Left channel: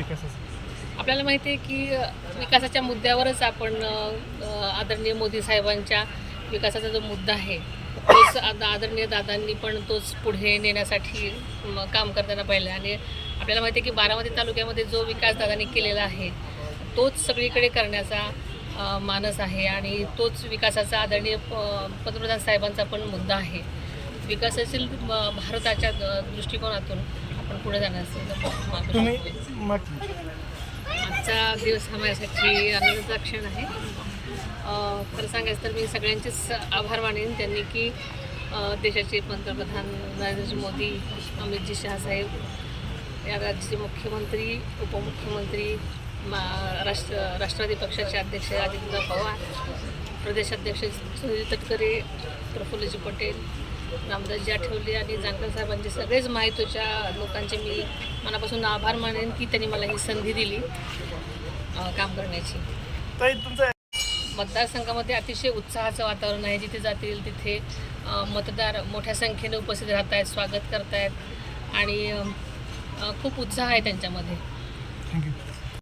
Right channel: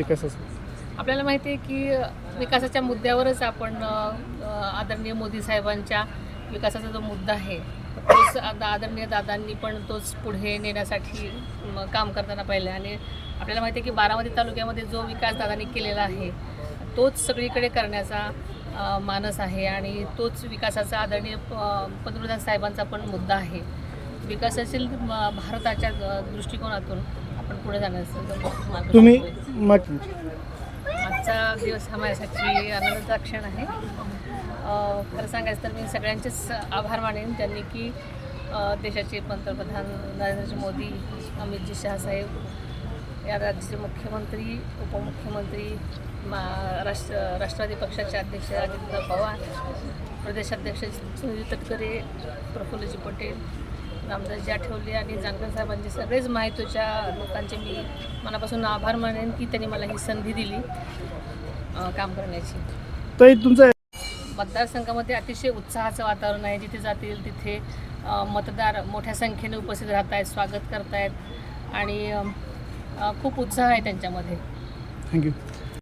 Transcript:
आपल्याला माहिती आहे की विकासाच्या मुद्द्यावरच आपण आदरणीय मोदी साहेबांच्या विकासाचा जो मुद्दा आहे तोच आदरणीय दादांनी पण तोच पुढे नेण्यासाठी काम करताना पाहिलं आणि आपल्याला माहिती आहे की बारामती तालुक्यामध्ये जो विकास दादांनी केलेला आहे तोच सगळीकडे करण्याचा मानस आहे आणि तोच विकासाचा आदरणीय पंतप्रधान साहेबांचा पण मुद्दा आहे विकासशील भारताच्या दृष्टिकोनातून आपण पुढे जाणार तुम्ही आजचा दिवस हा माझ्यासाठी आनंदाचा क्षण आहे खरं सांगायचं तर मी सगळ्यांचेच आभार मानेन त्यांनी की देशाचे पंतप्रधान नरेंद्र मोदी अमितजी शहासाहेब या राज्याचे मुख्यमंत्री उपमुख्यमंत्री मा- राष्ट्र राष्ट्रवादी पक्षाचे अध्यक्ष अजितदादा पवार प्रदेशाध्यक्ष सुनील तटकरे प्रफुल्लजी पटेल रामदासजी आठवले आणि जानकर साहेबांचे सगळेच माहितीच्या लोकांचे मी मनापासून आभार मानेन की त्यांनी मला ही संधी दिली काम करण्याची तुमचं मतदारसंघामध्ये अतिशय उत्साहाचं वातावरण आहे जिथे जातील तिथे मतदार मोठ्या संख्येने उपस्थित राहत आहेत स्वागत करतायत आणि खूप उत्साह आहे त्यांच्यामध्ये थँक्यू